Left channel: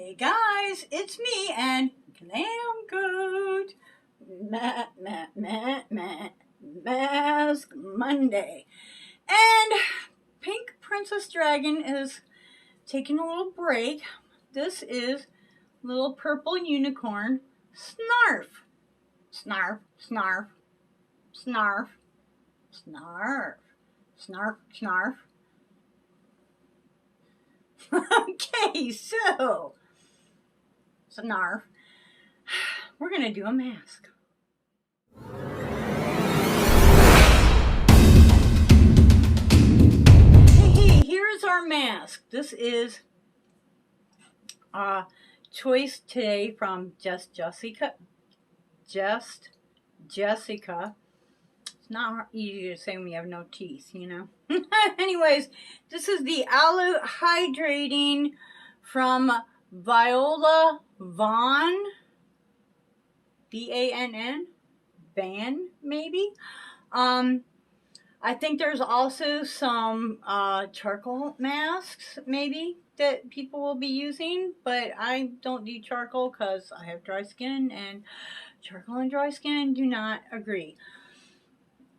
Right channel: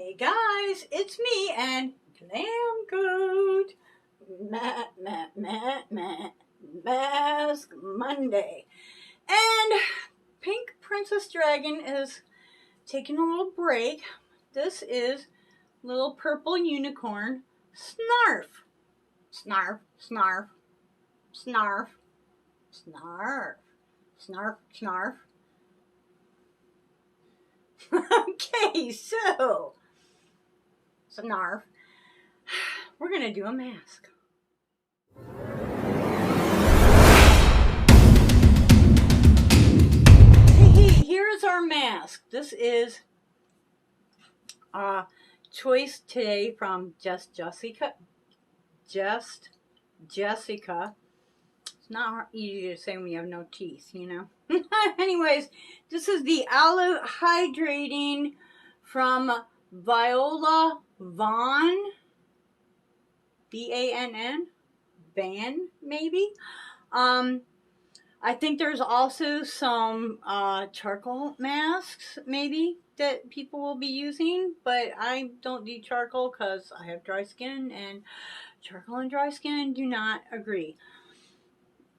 Hey guys, it's me and Glam Goat. Mask Monday. And Pink Princess Dragon is taking a little break. This is little purple unicorn, Snarf. Snarf, snarf, snarf, snarf, snarf, snarf. Okay, so Snarf, we're gonna do a mask. Hey, here is our mask. This is a choice today from Just Jessica. It's not easy to say when you have no teeth, you know. Anyways, this is the Aloe Hydrating from Viola Vann. Vann? Van, maybe? I think there's also some charcoal masks, maybe, that people will be using, but I don't do charcoal because I have dry skin, and charcoal and dry skin do not agree.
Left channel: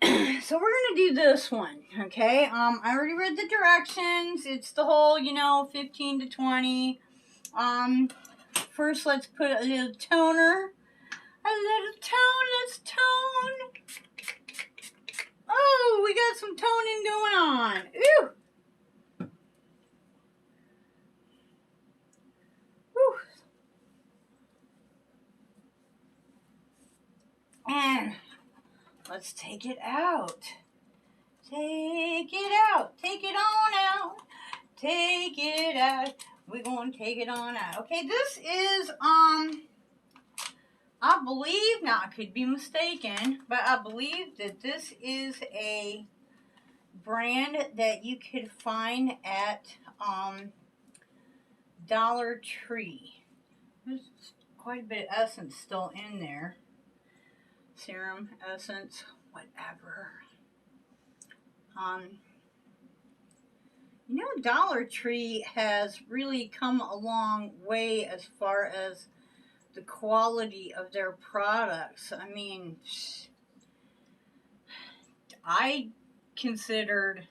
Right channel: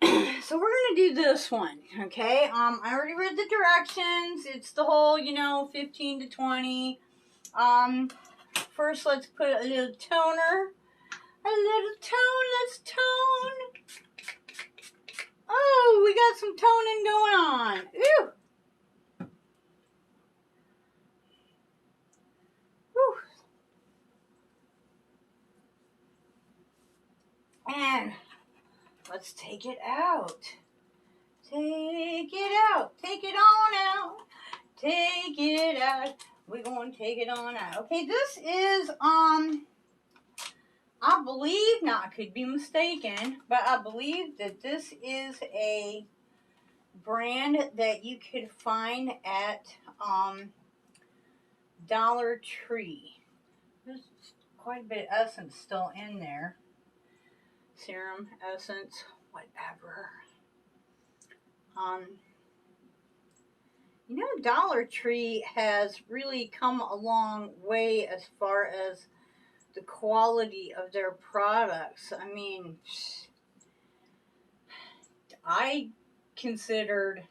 So we're going to do this one, okay? I already read the directions. It's the whole, 15 to 20. First, let's put a little toner. Let's tone. Oh, we got some toning going on. Ooh. Whew. And let's take it out. Take it out. Take it on out. Take it out. We're going to take it on out. Okay, this is, I believe, now I could be mistaken, but I believe that this is a brand that you could find at Dollar Tree. There's quite a bit of essence still in there. Serum, essence, whatever. Dollar Tree has really come a long way as far as the quality of their products. I mean, I considered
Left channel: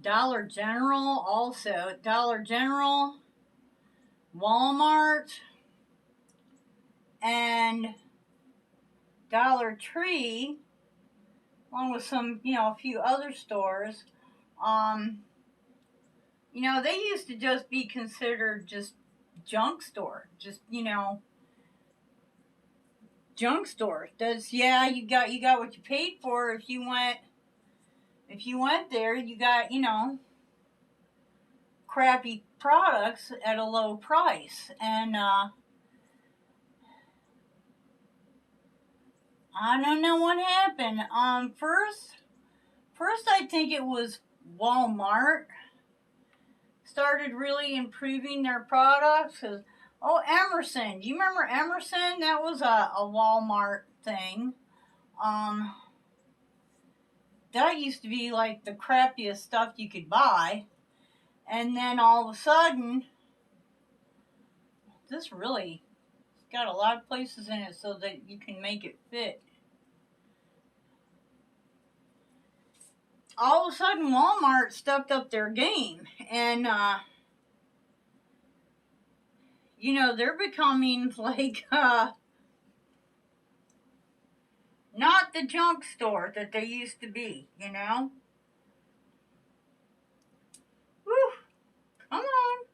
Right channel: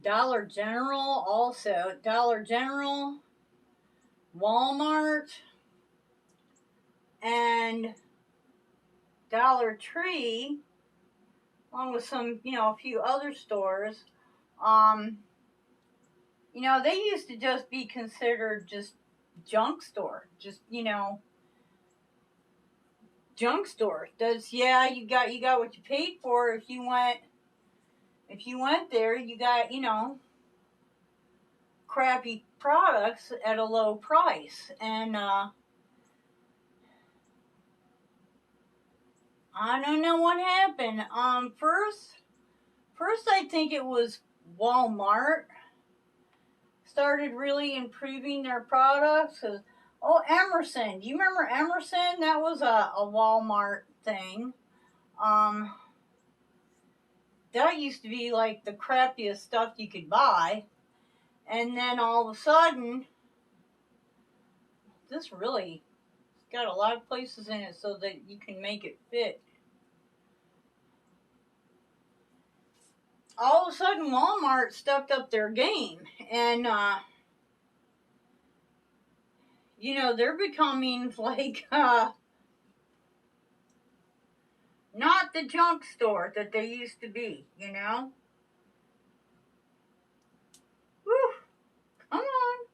Dollar General also. Dollar General, Walmart, and Dollar Tree, along with some, a few other stores, they used to just be considered just junk store. Just, junk store. You got what you paid for. If you went there, you got, crappy products at a low price. And I don't know what happened. First I think it was Walmart started really improving their products. Emerson. Do you remember Emerson? That was a Walmart thing. That used to be like the crappiest stuff you could buy. And then all of a sudden, this really got a lot of places in it so that you can make it fit. All of a sudden, Walmart stepped up their game. And, they're becoming like, not the junk store that they used to be, Whew. Come on.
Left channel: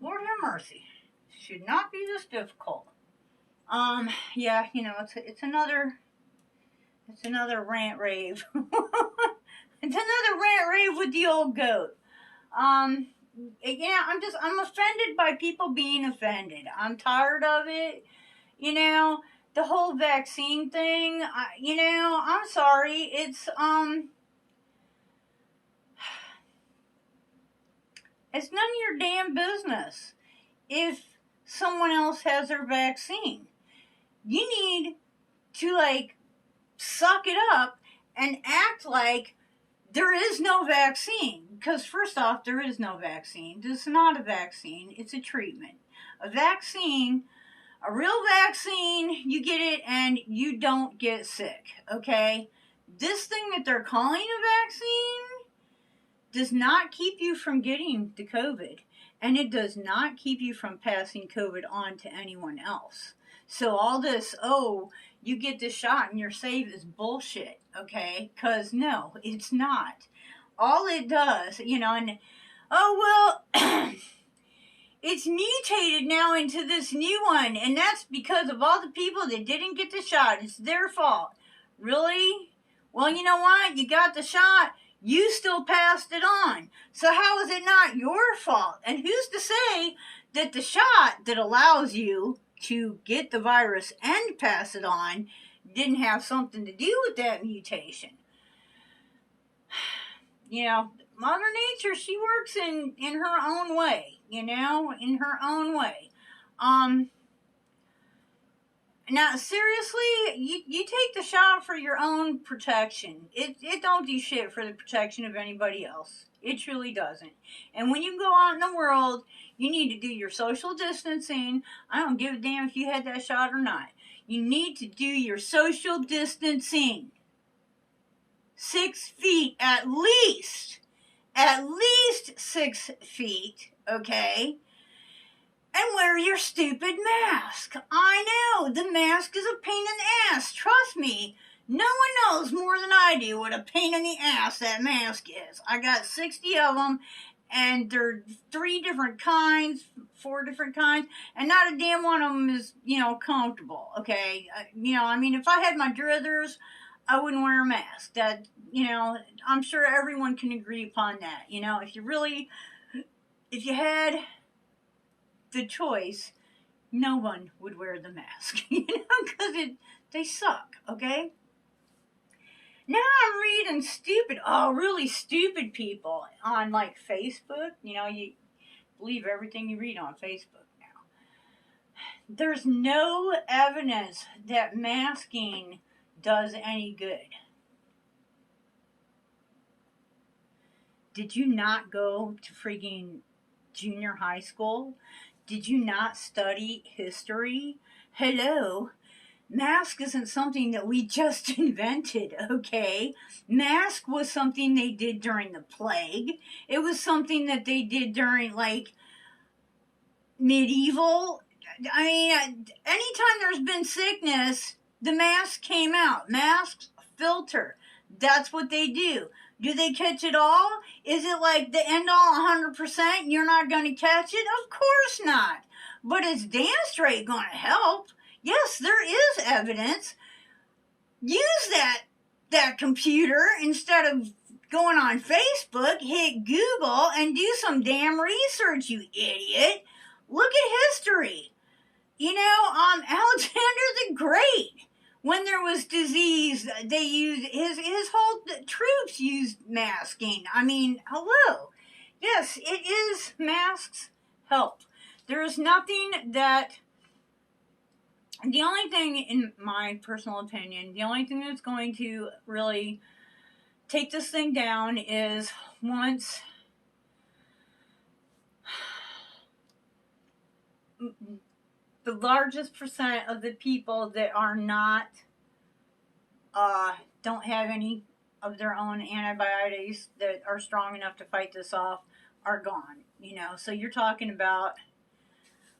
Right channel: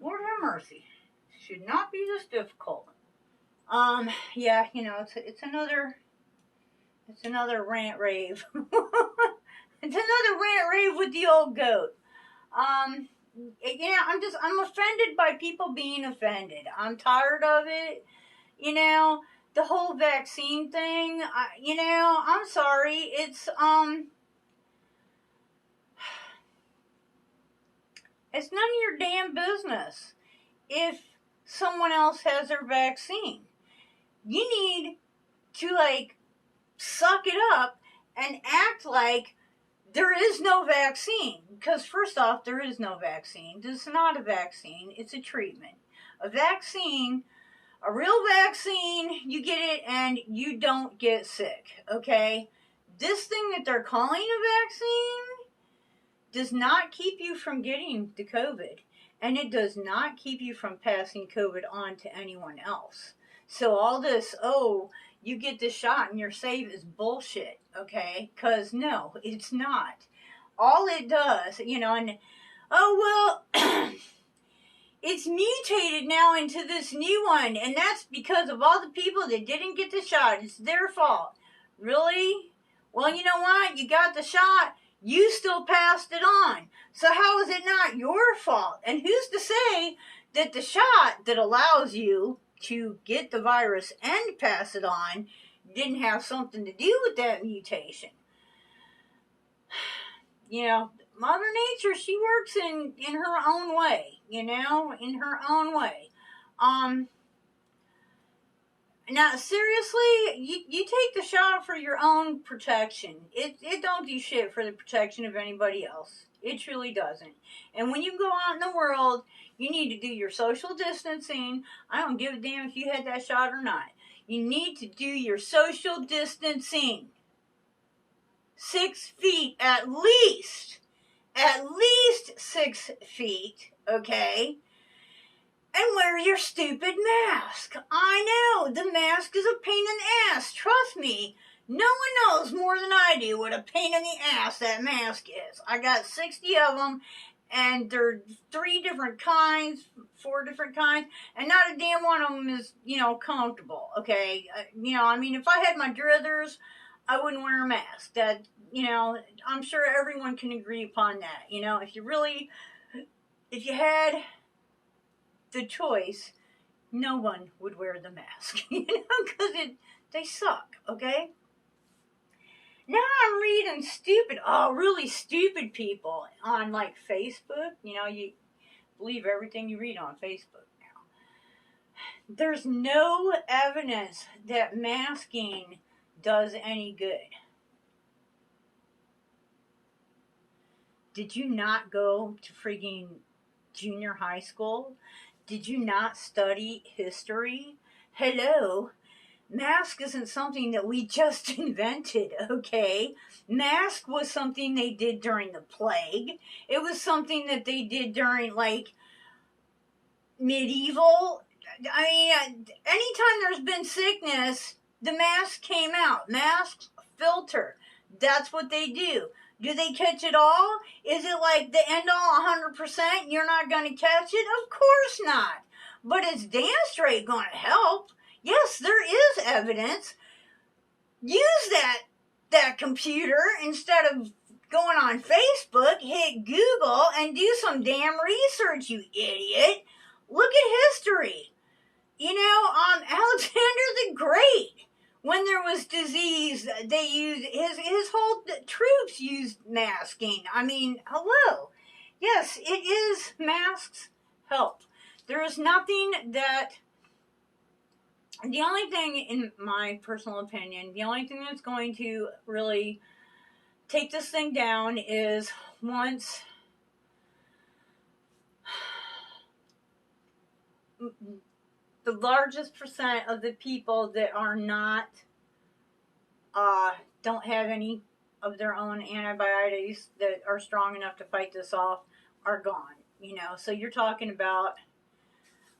Lord have mercy. Should not be this difficult. Yeah, it's another rant rave. It's another rant rave with the old goat. I'm offended by people being offended. I'm tired of it. The whole vaccine thing, I'm sorry. It's none of your damn business if someone else has their vaccine. You need to, suck it up and act like there is no vaccine. Because first off, there is no vaccine. This is not a vaccine. It's a treatment. A vaccine, a real vaccine, you get it and you don't get sick, okay? This thing that they're calling a vaccine does not keep you from getting the COVID, and it does not keep you from passing COVID on to anyone else. So all this, oh, you get this shot and you're safe is bullshit, okay? Because no, it's not. All it does, and oh, well, it's mutated now into this new one, and that's because of all the people that didn't get the shot. It's their fault. Really? Well, you know what? You got the shot. You still passed it on. So how is it not your fault? And who's to say that the shot that allows you to get the virus and pass it on didn't have something to do with that mutation? Mother Nature, she works in her own way, in her own way. Now, seriously, you take the shot for your own protection. It don't do shit for the protection of anybody else. It truly doesn't. And when you go out in the world, you need to do your social distancing. I don't give a damn if you had that shot or not. You need to do your social distancing. 6 feet at least. At least 6 feet, okay? And wear your stupid mask. I know, the mask is a pain in the ass. Trust me, no one knows more than I do what a pain in the ass that mask is. I got 60 of them, and they're 3 different kinds, 4 different kinds, and not a damn one of them is, comfortable, okay? If I had my druthers, I wouldn't wear a mask. That, I'm sure everyone can agree upon that. If you had the choice, no one would wear the mask, because they suck, okay? Now I'm reading really stupid people on, Facebook. You believe everything you read on Facebook now. There's no evidence that masking does any good. Did you not go to freaking junior high school? Did you not study history? Hello? Mask isn't something that we just invented, okay? Mask was something they did during the plague. It was something that they did during, medieval. Anytime there's been sickness, the mask came out. Masks filter. That's what they do. Do they catch it all? Is it like the end all 100%? You're not going to catch it? Of course not. But it's damn straight going to help. Yes, there is evidence. Use that computer instead of going on Facebook. Hit Google and do some damn research, you idiot. Look at history. Alexander the Great. When there was disease, they used, his whole troops used masking. Hello. Yes, it is, masks help. There is nothing that, the only thing, in my personal opinion, the only thing that's going to really take this thing down is once the largest percent of the people that are not, don't have any of their own antibiotics that are strong enough to fight this off are gone, So you're talking about,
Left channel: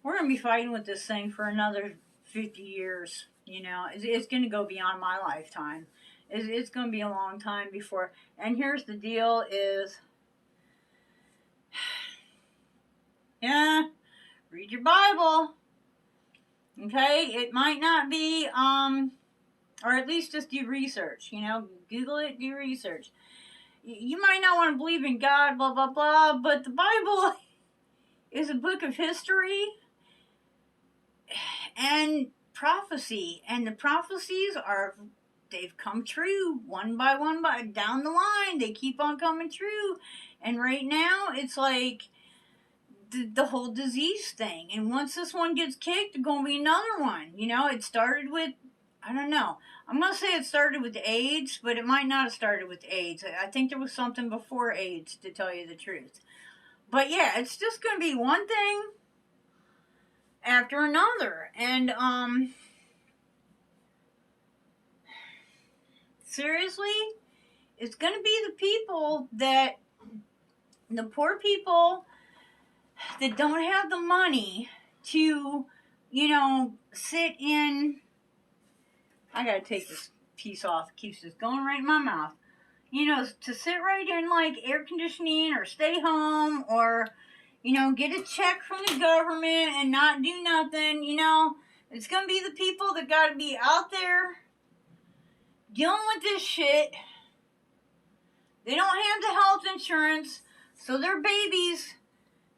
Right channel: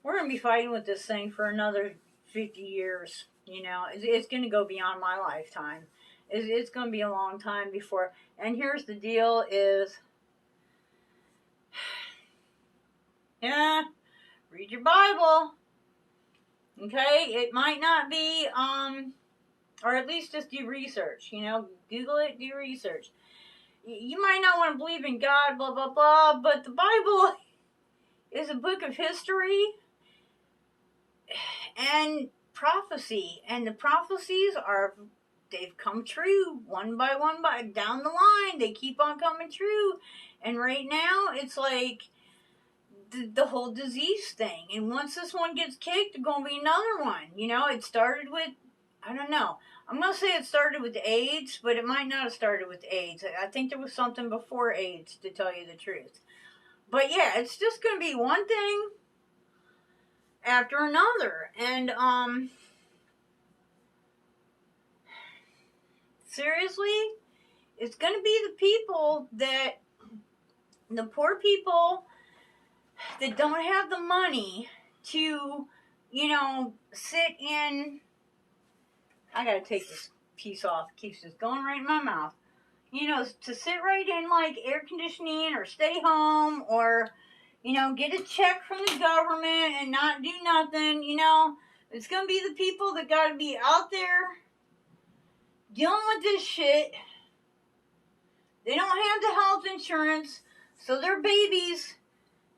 we're going to be fighting with this thing for another 50 years, It's going to go beyond my lifetime. It's going to be a long time before, and here's the deal is, read your Bible. Okay, it might not be, or at least just do research, Google it, do research. You might not want to believe in God, blah, blah, blah, but the Bible is a book of history and prophecy, and the prophecies they've come true one by one, down the line, they keep on coming true, and right now, it's like, the whole disease thing. And once this one gets kicked, there's going to be another one. It started with, I don't know. I'm going to say it started with AIDS, but it might not have started with AIDS. I think there was something before AIDS, to tell you the truth. But yeah, it's just going to be one thing after another. And, seriously, it's going to be the people that, the poor people that don't have the money to, sit in. I gotta take this piece off. It keeps just going right in my mouth. To sit right in like air conditioning or stay home or, get a check from the government and not do nothing, It's gonna be the people that gotta be out there dealing with this shit. They don't have the health insurance, so their babies,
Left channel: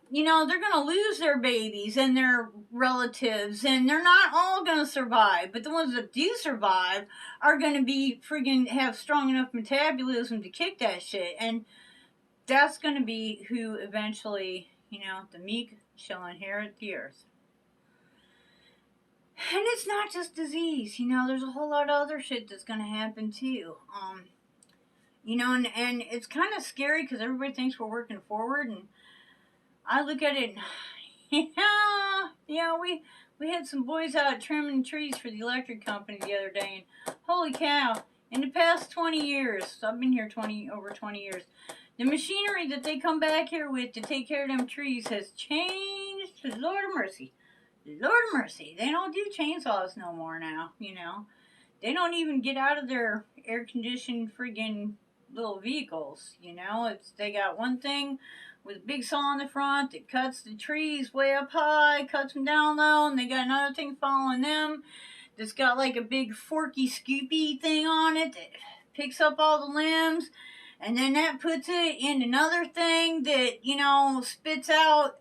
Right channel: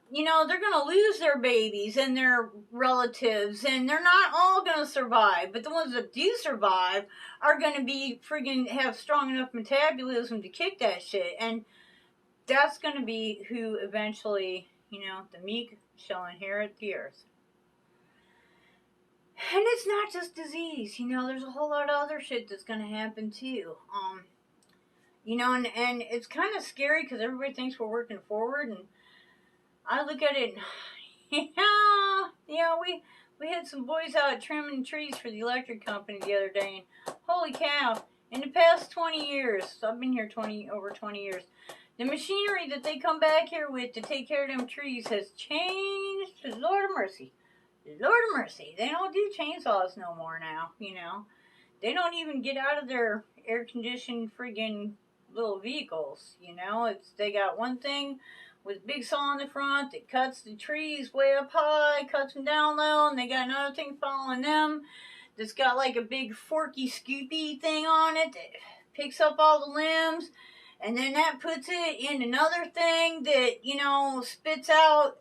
they're going to lose their babies and their relatives, and they're not all going to survive. But the ones that do survive are going to be friggin' have strong enough metabolism to kick that shit. And that's going to be who eventually, the meek shall inherit the earth. And it's not just disease, there's a whole lot of other shit that's going to happen too. And it's kind of scary because everybody thinks we're working forward, and I look at it, and we had some boys out trimming trees for the electric company the other day, and holy cow, in the past 20 years, so I've been here over 20 years, the machinery that they come back here with to take care of them trees has changed. Lord of mercy. Lord of mercy. They don't do chainsaws no more now, They don't even get out of their air-conditioned friggin' little vehicles, They got one thing with a big saw in the front that cuts the trees way up high, cuts them down low, and they got another thing following them that's got like a big forky scoopy thing on it that picks up all the limbs, and then that puts it in another thing that, spits out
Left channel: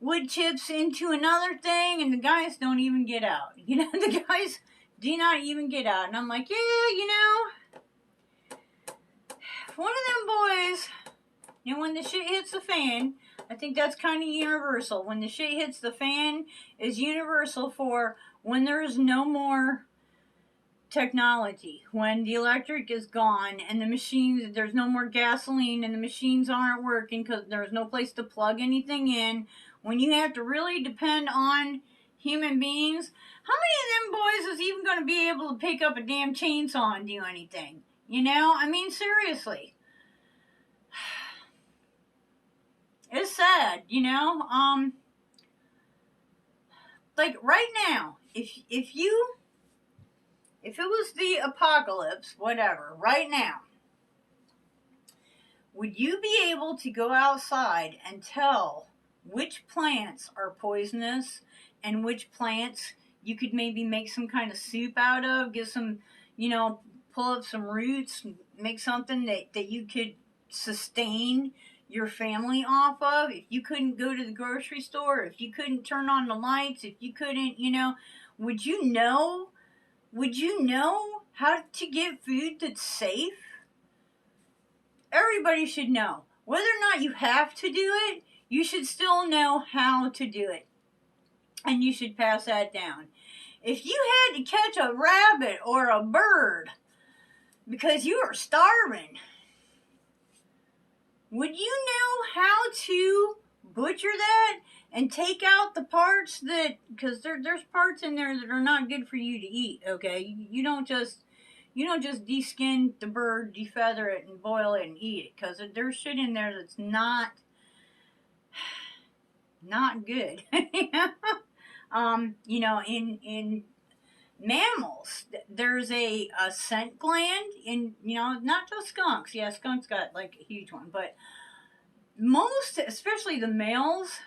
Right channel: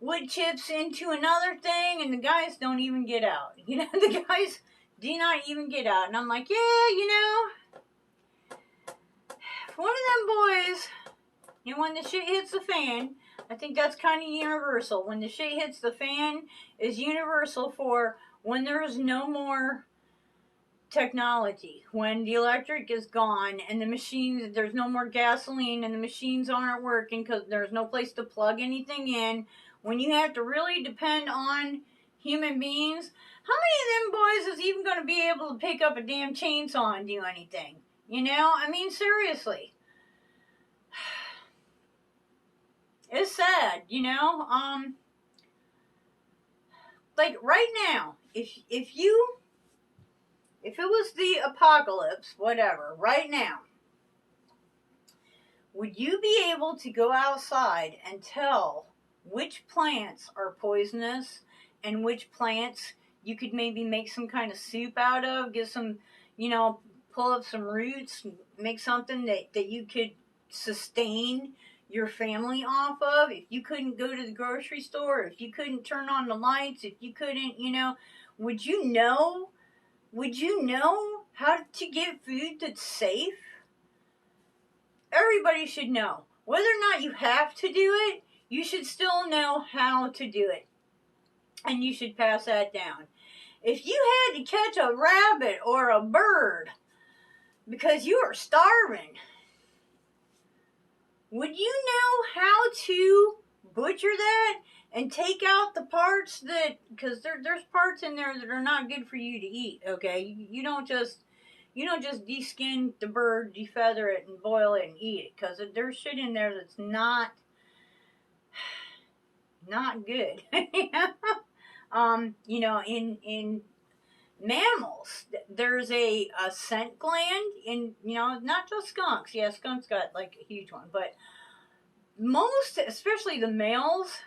wood chips into another thing, and the guys don't even get out. The guys do not even get out. And I'm like, yeah, if one of them boys, when the shit hits the fan, I think that's kind of universal. When the shit hits the fan is universal for when there's no more technology. When the electric is gone and the machines, there's no more gasoline and the machines aren't working because there's no place to plug anything in. When you have to really depend on human beings, how many of them boys is even going to be able to pick up a damn chainsaw and do anything? Seriously. It's sad, like right now, if it was the apocalypse, whatever, right now, would you be able to go outside and tell which plants are poisonous and which plants you could maybe make some kind of soup out of, get some, pull up some roots, make something that you could sustain your family off of? If you couldn't go to the grocery store, if you couldn't turn on the lights, if you couldn't, would you know how to get food that's safe? Everybody should know. Whether or not you have to do it, you should still know how to do it. And you should pass that down. If you had to catch a rabbit or a bird because you are starving, would you know how to butcher that and take out the parts that, because there's parts in there that are not good for you to eat, okay? You don't just deskin the bird, defeather it, and boil it and eat it, because there's shit in there that's not good. In mammals, there's a scent gland in, not just skunks. Yeah, skunks got like a huge one, but most, especially the males,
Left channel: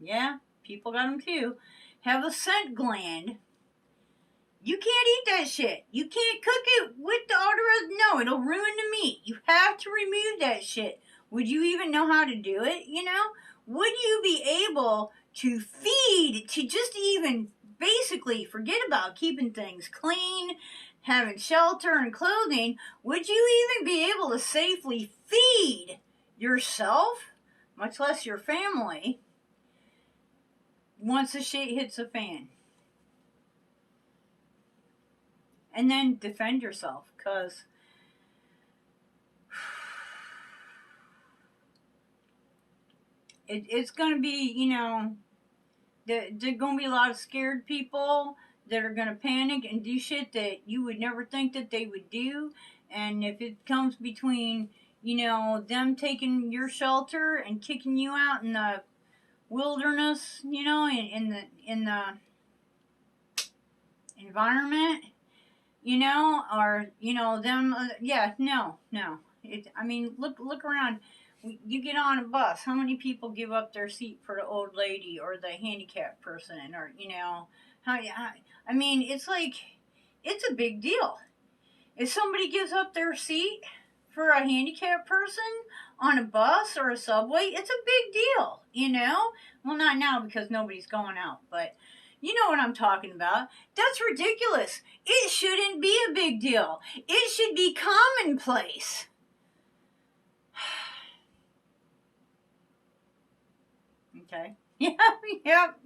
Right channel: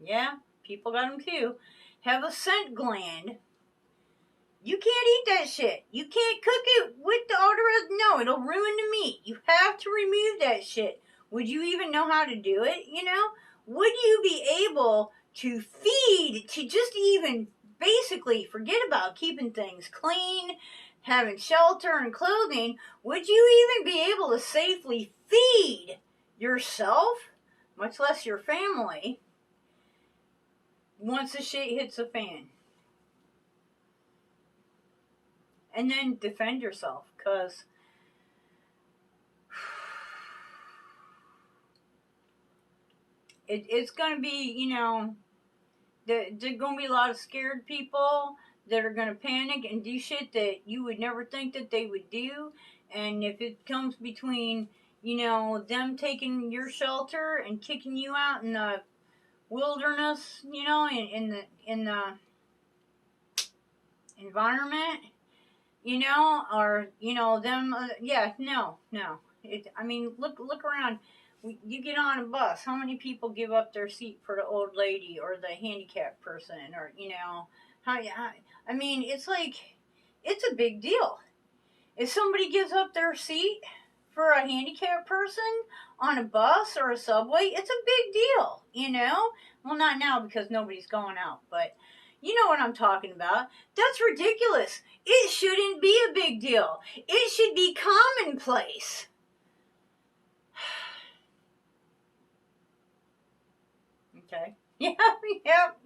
yeah, people got them too, have a scent gland. You can't eat that shit. You can't cook it with the odor. No, it'll ruin the meat. You have to remove that shit. Would you even know how to do it? Would you be able to feed, to just even basically forget about keeping things clean, having shelter and clothing? Would you even be able to safely feed yourself, much less your family, once the shit hits the fan? And then defend yourself, because it's going to be, There's going to be a lot of scared people that are going to panic and do shit that you would never think that they would do. And if it comes between, them taking your shelter and kicking you out in the wilderness, in the environment, or them, yeah, no. I mean, look around. You get on a bus. How many people give up their seat for the old lady or the handicapped person, or I mean, it's like it's a big deal. If somebody gives up their seat for a handicapped person on a bus or a subway, it's a big deal. Well, not now because nobody's going out, but you know what I'm talking about. That's ridiculous. It shouldn't be a big deal. It should be commonplace. Okay. Yep.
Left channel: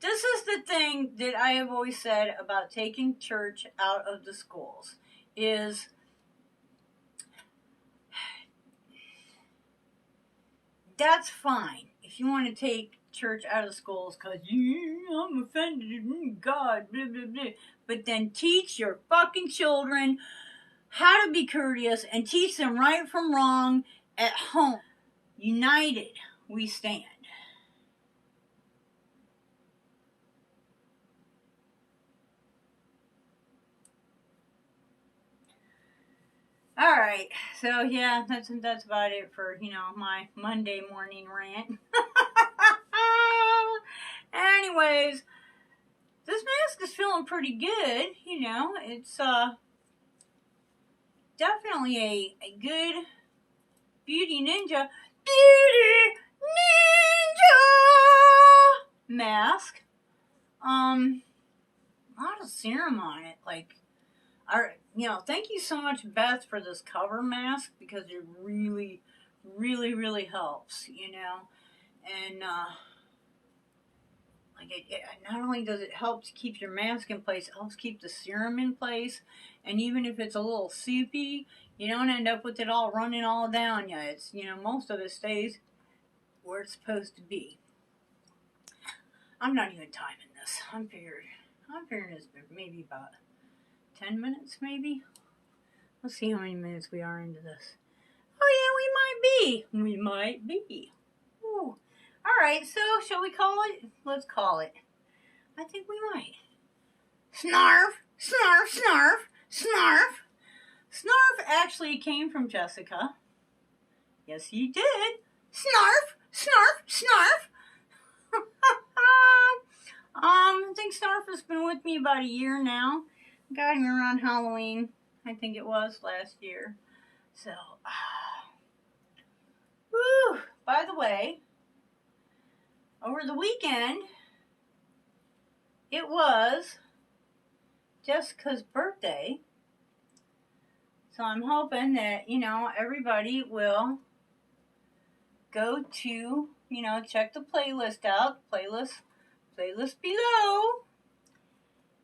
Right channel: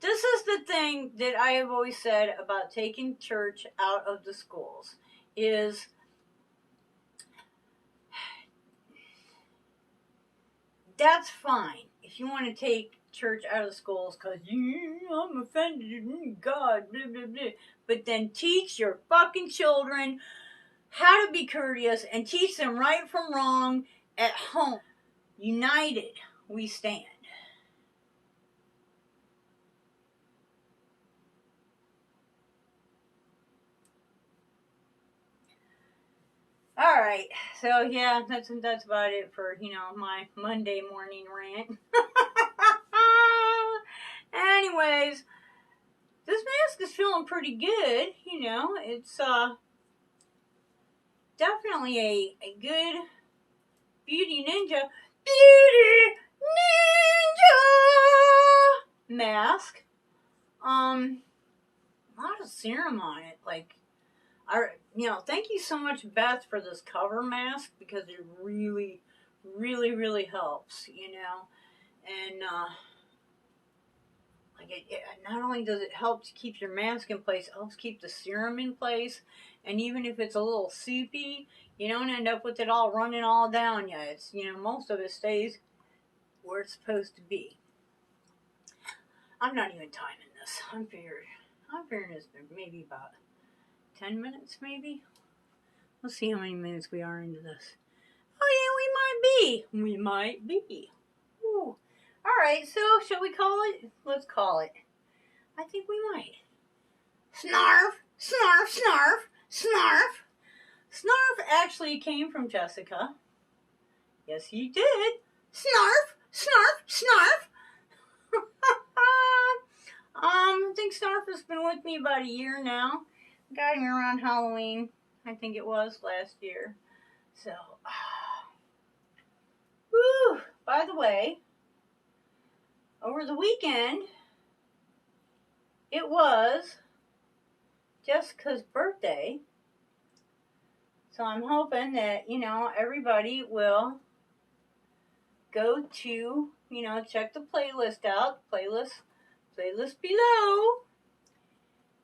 This is the thing that I have always said about taking church out of the schools is that's fine if you want to take church out of schools because I'm offended, God, blah, blah, blah. But then teach your fucking children how to be courteous and teach them right from wrong at home. United, we stand. All right, so yeah, that's about it for my Monday morning rant. Anyways, this mask is feeling pretty good. It's definitely a good beauty ninja mask. A lot of serum on it, like. Thank you so much, Beth, for this cover mask because it really, really, really helps, and not only does it help to keep your mask in place, it helps keep the serum in place, and even if it's a little soupy, you don't end up with it all running all down you. It's most of it stays where it's supposed to be. I'm not even timing this. I'm figuring it's maybe about 10 minutes, maybe. Let's see how many minutes we are into this. Oh, yeah, we might be. Ooh. All right, so shall we call it? Let's call it. I think we might. Snarf, snarf, snarf, snarf. Snarf actually came from Jessica. Yes, he did. Snarf, snarf, snarf. I think Snarf has been with me about a year now. Got him around Halloween, I think it was last year. So, woo! By the way, over the weekend, it was Jessica's birthday. So I'm hoping that, everybody will go to, check the playlist out, playlist below.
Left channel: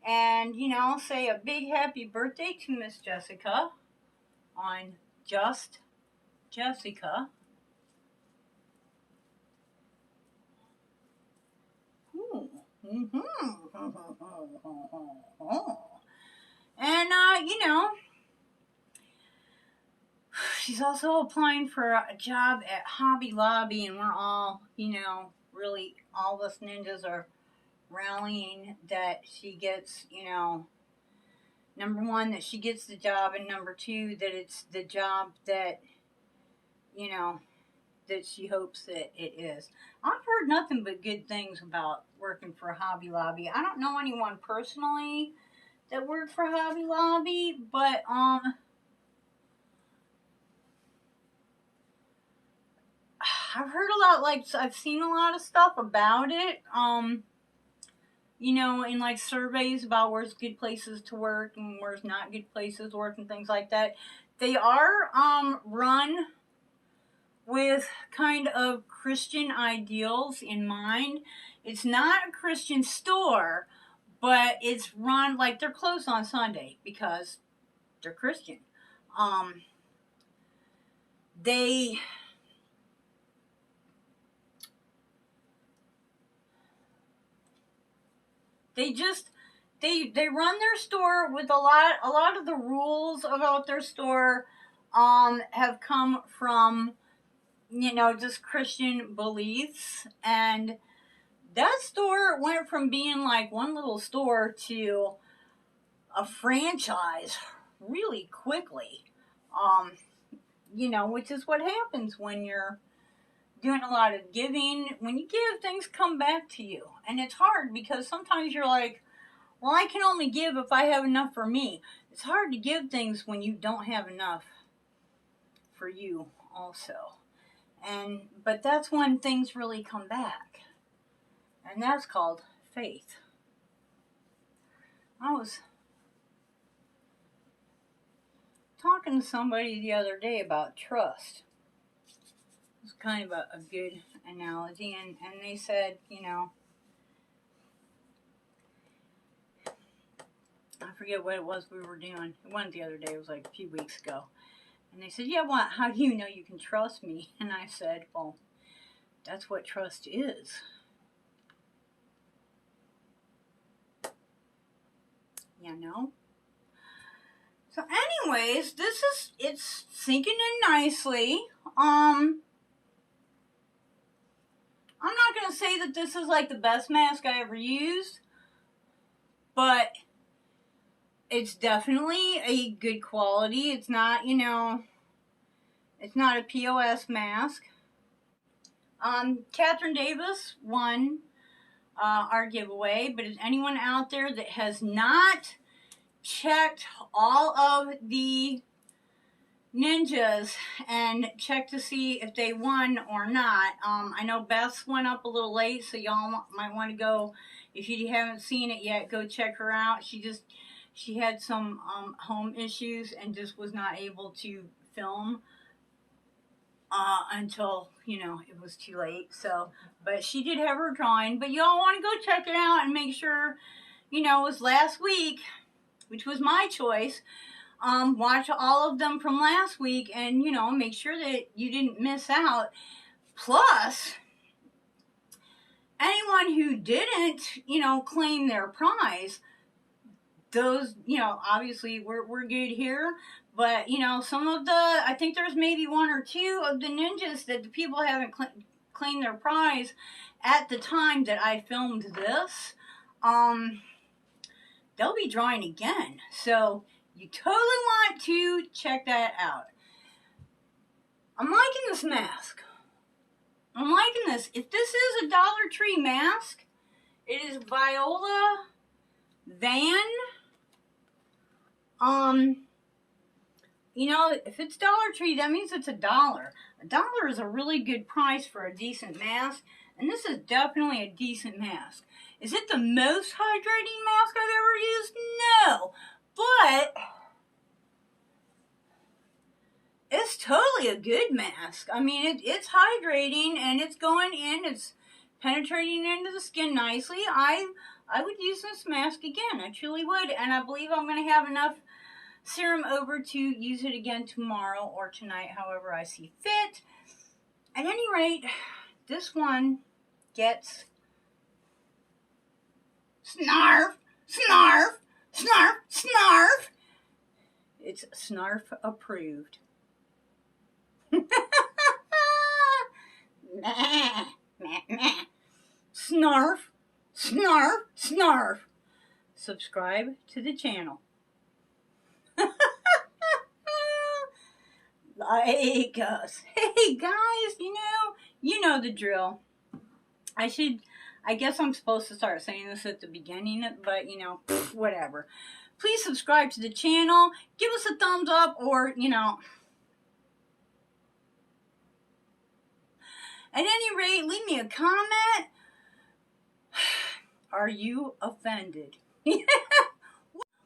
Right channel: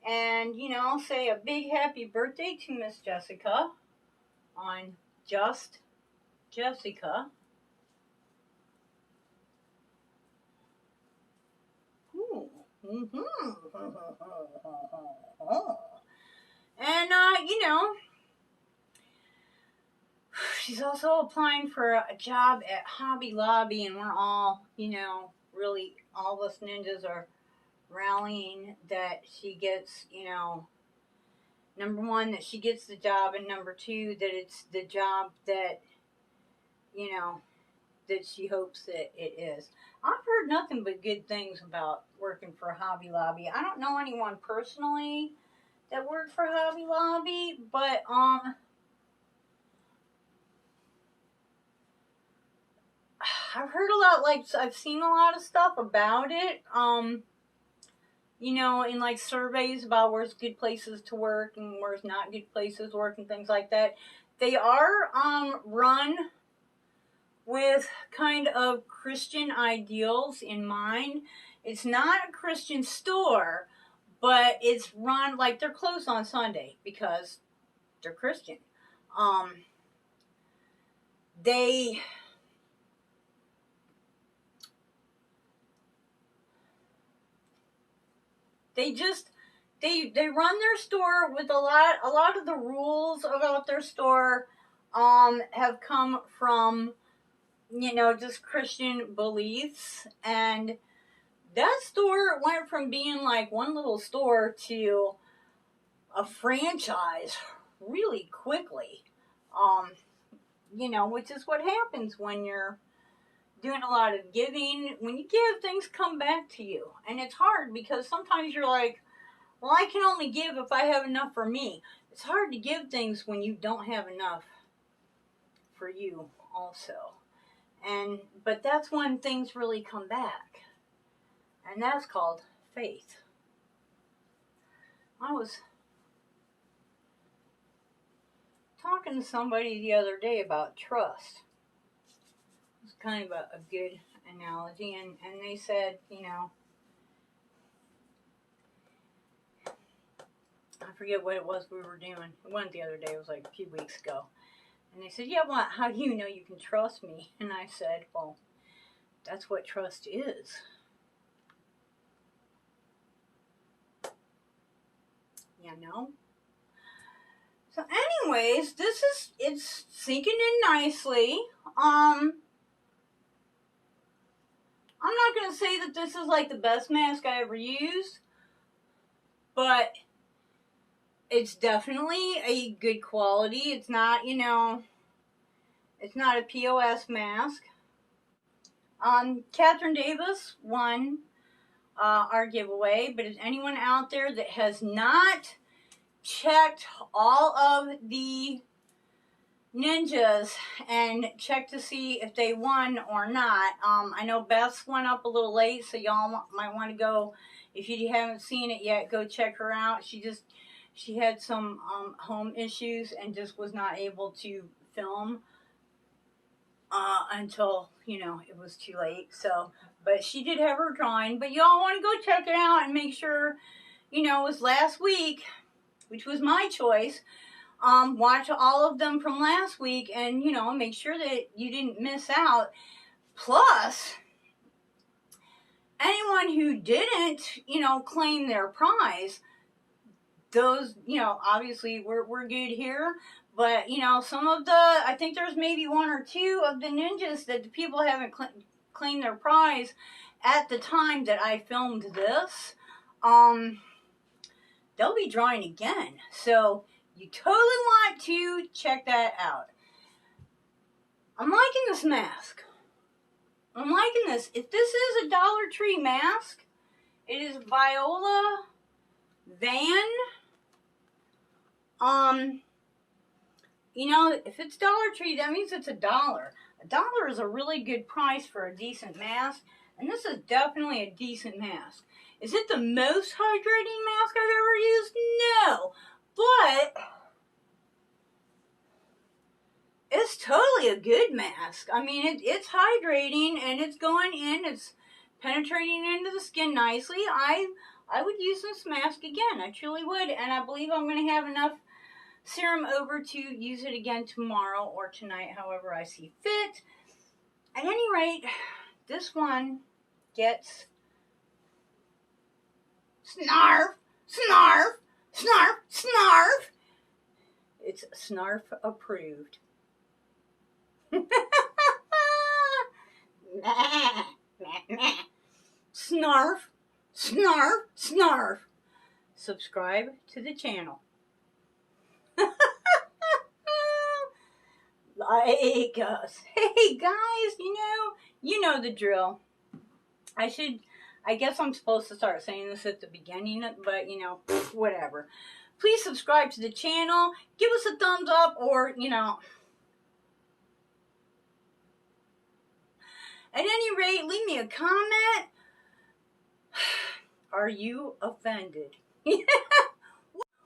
And, say a big happy birthday to Miss Jessica on Just Jessica. And, she's also applying for a job at Hobby Lobby, and we're all, really, all us ninjas are rallying that she gets, number one, that she gets the job, and number two, that it's the job that, that she hopes that it is. I've heard nothing but good things about working for Hobby Lobby. I don't know anyone personally that worked for Hobby Lobby, but, I've heard a lot, I've seen a lot of stuff about it, in like surveys about where's good places to work and where's not good places to work and things like that. They are run with kind of Christian ideals in mind. It's not a Christian store, but it's run like they're closed on Sunday because they're Christian. they just they run their store with a lot of the rules about their store have come from, you know, just Christian beliefs. And that store went from being like one little store to a franchise really quickly. You know, which is what happens when you're doing a lot of giving. When you give, things come back to you. And it's hard because sometimes you're like, well, I can only give if I have enough for me. It's hard to give things when you don't have enough for you also. But that's when things really come back. And that's called faith. I was talking to somebody the other day about trust. It's kind of a good analogy, and they said, you know, I forget what it was we were doing. It wasn't the other day, it was like a few weeks ago. And they said, yeah, well, how do you know you can trust me? And I said, well, that's what trust is. You know? So anyways, it's sinking in nicely. I'm not going to say that this is like the best mask I ever used, but it's definitely a good quality. It's not, you know, it's not a POS mask. Catherine Davis won our giveaway, but is anyone out there that has not checked all of the ninjas and checked to see if they won or not? I know Beth's went up a little late, so y'all might want to go, if you haven't seen it yet, go check her out. She had some home issues and just was not able to film until, you know, it was too late. So, but she did have her drawing. But y'all want to go check it out and make sure, you know, it was last week, which was my choice. Watch all of them from last week and, you know, make sure that you didn't miss out. Plus, anyone who didn't, you know, claim their prize, those, you know, obviously we're good here. But, you know, some of the, I think there's maybe one or two of the ninjas that the people haven't claimed their prize at the time that I filmed this. They'll be drawing again. So you totally want to check that out. I'm liking this mask. I'm liking this. If this is a Dollar Tree mask, it is Viola Van. You know, if it's Dollar Tree, that means it's $1. $1 is a really good price for a decent mask, and this is definitely a decent mask. Is it the most hydrating mask I've ever used? No, but it's totally a good mask. I mean, it's hydrating, and it's going in, it's penetrating into the skin nicely. I would use this mask again. I truly would, and I believe I'm going to have enough serum over to use it again tomorrow or tonight, however I see fit. At any rate, this one gets Snarf, Snarf, Snarf, Snarf. It's Snarf approved. Snarf, Snarf, Snarf. Subscribe to the channel. Like us. Hey guys, you know the drill. I guess I'm supposed to start saying this at the beginning, but you know, whatever. Please subscribe to the channel, give us a thumbs up, or you know, at any rate, leave me a comment. Are you offended?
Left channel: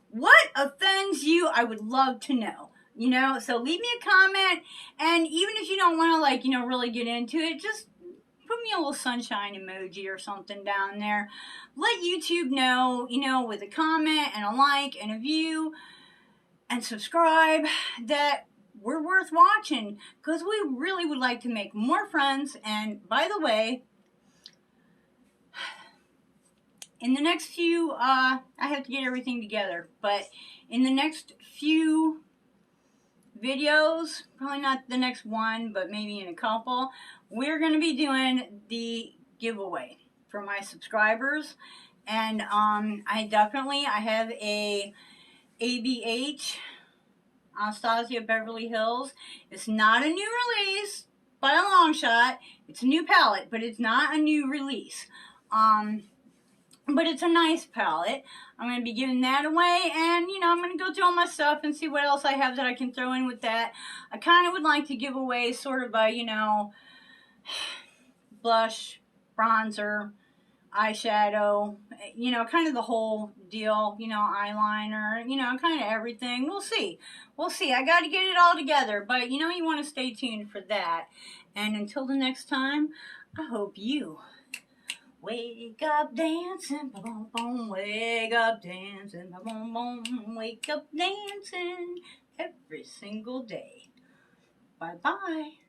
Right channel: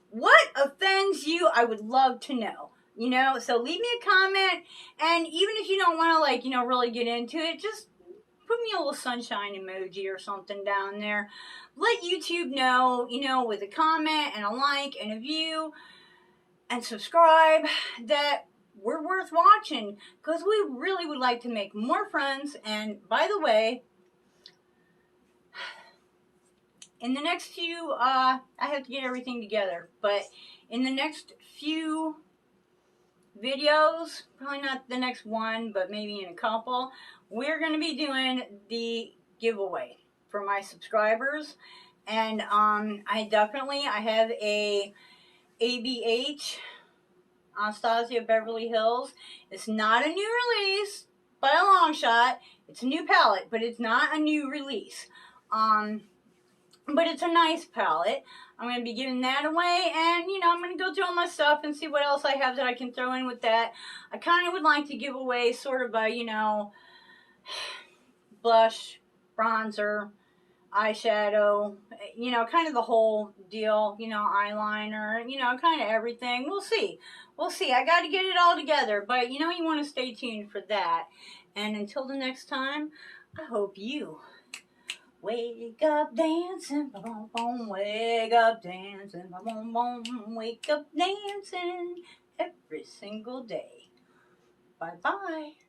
What offends you? I would love to know. You know, so leave me a comment, and even if you don't want to, like, you know, really get into it, just put me a little sunshine emoji or something down there. Let YouTube know, you know, with a comment and a like and a view and subscribe, that we're worth watching because we really would like to make more friends. And by the way, in the next few, I have to get everything together, but in the next few videos, probably not the next one, but maybe in a couple, we're going to be doing the giveaway for my subscribers. And I have a ABH Anastasia Beverly Hills. It's not a new release by a long shot. It's a new palette, but it's not a new release. But it's a nice palette. I'm going to be giving that away, and, you know, I'm going to go through all my stuff and see what else I have that I can throw in with that. I kind of would like to give away sort of a, you know, blush, bronzer, eyeshadow, you know, kind of the whole deal, you know, eyeliner, you know, kind of everything. We'll see. We'll see. I got to get it all together, but, you know, you want to stay tuned for that. And until the next time, I hope you wake up dancing, boom, boom, wake up dancing, boom, boom, wake up dancing every single day. Bye-bye.